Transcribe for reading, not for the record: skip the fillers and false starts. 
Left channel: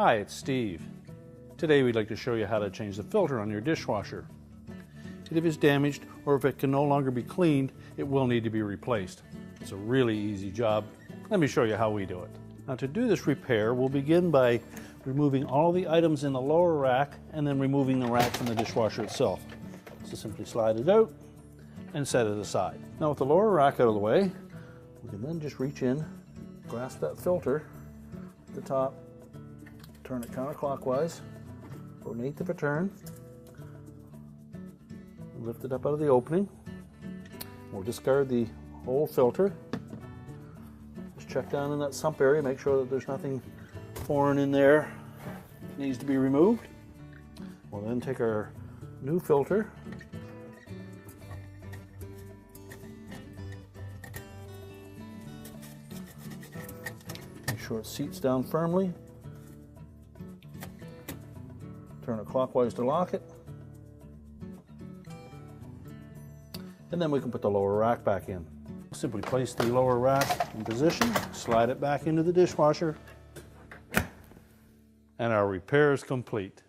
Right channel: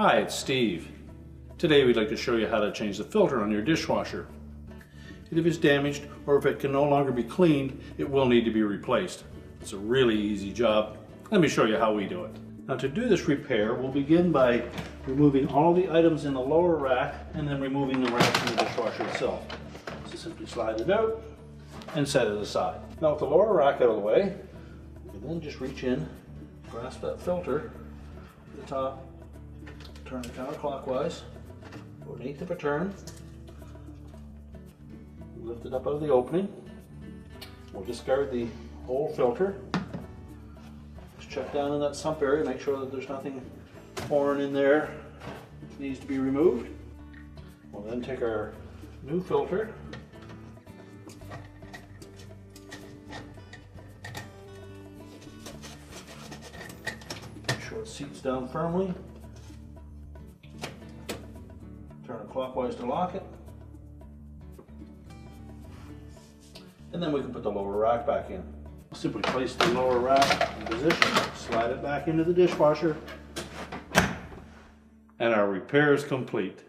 Hi, it's Steve. Today we'd like to show you how to change the filter on your dishwasher. If it's damaged or if it can no longer be cleaned, it will need to be replaced. It's a really easy job. Let me show you how we do it. Now to do this repair, we'll begin by removing all the items in the lower rack and then removing the rack from the dishwasher itself. So simply slide it out and set it aside. Now with the lower rack out of the way, we can then just reach in, grasp that filter at the top, turn it counterclockwise, go an eighth of a turn, lift it up out of the opening. We'll discard the old filter. Just check down in that sump area, make sure that there's nothing foreign in there that needs to be removed. We'll then take our new filter, make sure it seats down firmly, turn it clockwise to lock it, and then we can put the lower rack back in. Simply place the lower rack in position, slide it back into the dishwasher, and our repair is complete.